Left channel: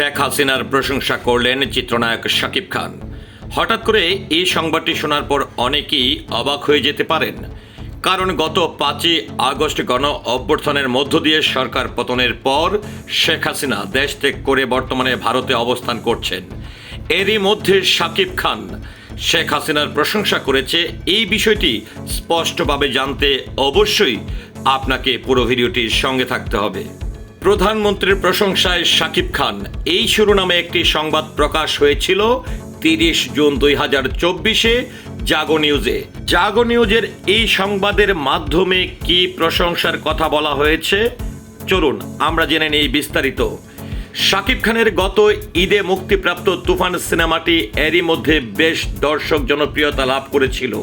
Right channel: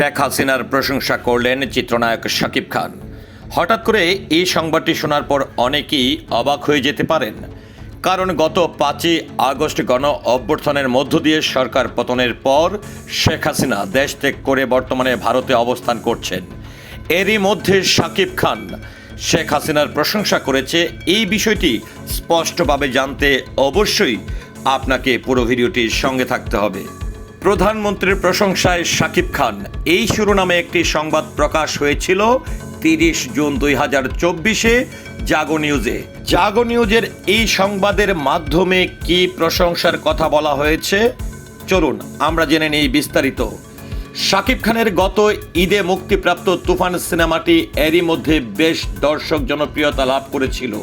শেখ হাসিনার প্রশংসা করলেন চিত্রনায়ক শাকিব খান। হঠাৎ করে এই সংবাদটি শোনার পর অনেকেই অবাক হয়ে যেতে পারেন। কারণ গত পাঁচই আগস্ট গণ অভ্যর্থনের মধ্য দিয়ে সরকার পতনের পর শেখ হাসিনা দেশ ত্যাগ করে বর্তমানে ভারতে অবস্থান করছেন। এরই মধ্যে শাকিব খান শেখ হাসিনার প্রশংসা করেছে। এই বিষয়টি স্পষ্টভাবে জানতে অবশ্যই আপনাকে পুরো ভিডিওটির সঙ্গে থাকতে হবে। প্রধানমন্ত্রীর প্রশংসায় শাকিব খান। এই শিরোনামে একটি সংবাদ প্রকাশ হয়েছিল তিরিশ জুন দুই হাজার চব্বিশে জাগো নিউজে। জাগো নিউজের এই সংবাদের মাধ্যমে কি প্রশংসার কথা বলা হয়েছে? চলুন, আমরা জেনে নেই বিস্তারিত। শাকিব খানের গত ঈদে মুক্তিপ্রাপ্ত তুফান সিনেমাটি এরই মধ্যে বেশ দর্শক জনপ্রিয়তা লাভ করেছিল।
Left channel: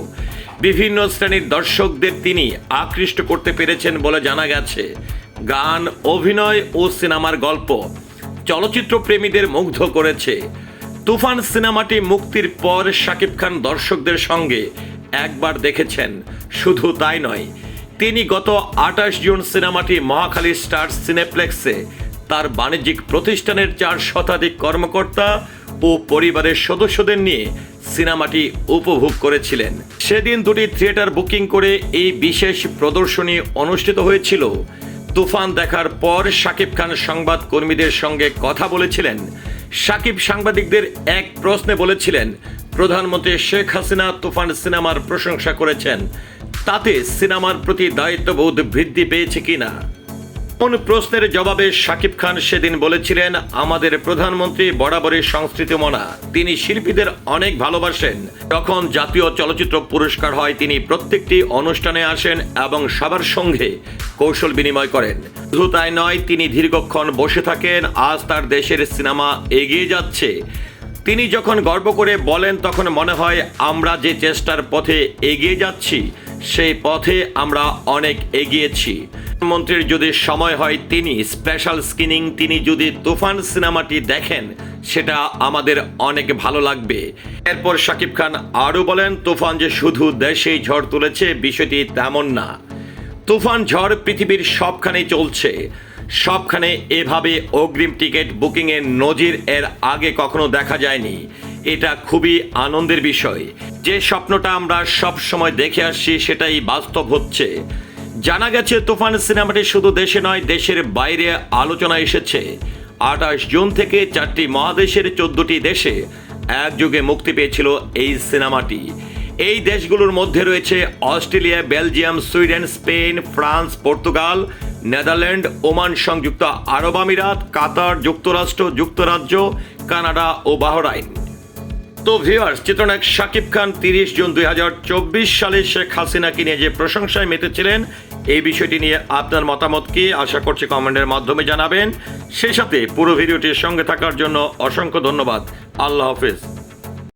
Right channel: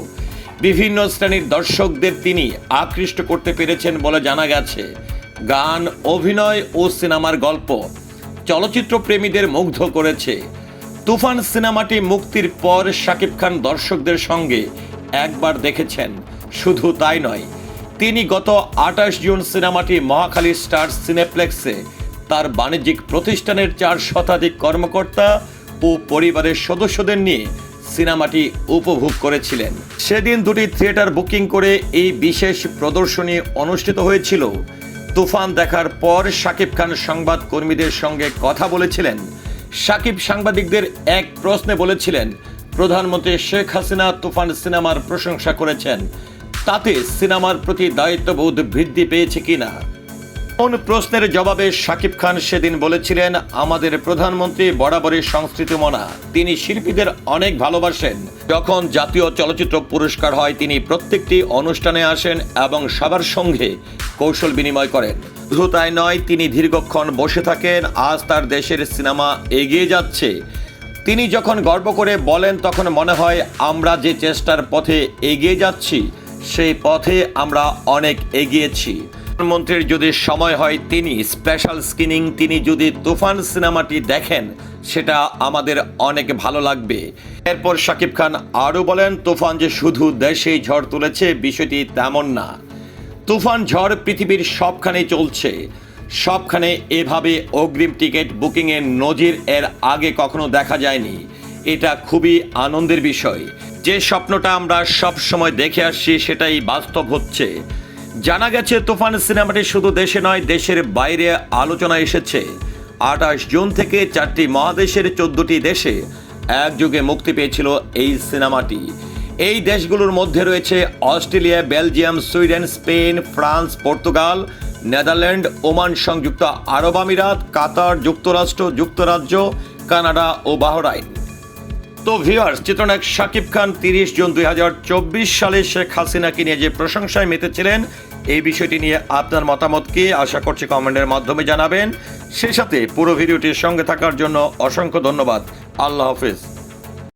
বিভিন্ন শ্রেণির দর্শকদের তিনি আকৃষ্ট করতে পেরেছেন বলে জানা গেছে। গান, অভিনয় ও সিনেমার গল্প চলচ্চিত্র প্রেমীদের মুগ্ধ করেছে। তুফান সিনেমাটি মুক্তির পর শাকিব খান দর্শকদের সঙ্গে একবার দেখেছেন। শুধু তাই নয়, তিনি গত আঠাশ জুন সিনেমাটি মহাখালী স্টার সিনেপ্লেক্সে তার বাণিজ্যিক প্রতিষ্ঠানের চার শতাধিক কর্মকর্তা ও পরিবারের সদস্যদের নিয়ে সিনেমাটি উপভোগ করেছিলেন। সেদিন দুটি থিয়েটার বুকিং করে এই বিশেষ প্রদর্শনী অনুষ্ঠিত হয়েছিল। তুফান দেখার পর শাকিব খান সংবাদ কর্মীদের সঙ্গে কথা বলেছিলেন। শাকিব সাংবাদিকদের এক প্রশ্নে বলেছিলেন, প্রধানমন্ত্রী শেখ হাসিনা তুফান সিনেমার প্রশংসা করেছেন। তাতে সিনেমার প্রতি দায়িত্ববোধ বৃদ্ধি পেয়েছে কিনা? কোন প্রশ্নের জবাবে শাকিব খান সেদিন বলেছিলেন, আমাদের প্রধানমন্ত্রী বরাবরই সংস্কৃতি মনা তিনি শিল্পীদের অনেক ভালোবাসেন। যখন জাতীয় চলচ্চিত্র পুরস্কার হয়, তিনি প্রত্যেকটি অনুষ্ঠানে আসেন এবং সবার সঙ্গে কৌশল বিনিময় করেন। শুধু তাই নয়, তিনি দীর্ঘক্ষণ বসে থাকেন, আজ তার দেশের সিনেমা এগিয়ে যাচ্ছে। তিনি যখন গর্ব করে বলেন, তখন মনে হয়, আমরা যে চেষ্টার পথে এগিয়ে যাচ্ছি, সেই পথে আমরা অনেক এগিয়েছি। প্রধানমন্ত্রীর যদি সময় হয়, তিনি স্পেশাল স্ক্রিনিং তিনি যদি তুফান সিনেমাটি দেখেন, সেটা আমাদের অনেক ভালো লাগবে। এরপর শাকিব খান আরও বলেন, তুফান যে শুধু দেশেই ঝড় তুলেছে, বিষয়টি তেমন না। তুফান ঝড় পৃথিবীর সবখানেই চলছে। সবখানে এভাবে অগ্রিম টিকিট বুকিংয়ের নজির এর আগে কখনো দেখা যায়নি। এটা খুবই আনন্দের বিষয়। যে স্বপ্নটা আমরা সব সময় দেখে আসছি, সেটাই বাস্তব হচ্ছে। জানা গেছে, তুফান সিনেমাটি শুধু দেশে নয়, দেশের বাইরে আলোচনা এসেছে। আঠাশ জুন থেকে চারটি মহাদেশের চোদ্দটি দেশে একযোগে মুক্তি পেয়েছিল এই সিনেমাটি। এই দেশগুলোর মধ্যে রয়েছে Australia, Belgium, Sweden, Spain, France, Portugal, Netherland, Oman সংযুক্ত আরব আমিরাত, কাতার, যুক্তরাষ্ট্র, যুক্তরাজ্য, কানাডা ও বাহরাইন। তো ভিউয়ার্স চিত্রনায়ক শাকিব খান তিরিশ জুন দুই হাজার চব্বিশ সালে শেখ হাসিনাকে নিয়ে যে প্রশংসায় মেতেছিলেন, এই বিষয়টি নিয়ে আপনার মতামত কি? আশা করছি কমেন্টের মাধ্যমে জানাবেন। সেই সাথে পুরো ভিডিওটির সঙ্গে থাকার জন্য অসংখ্য ধন্যবাদ। আল্লাহ হাফিজ।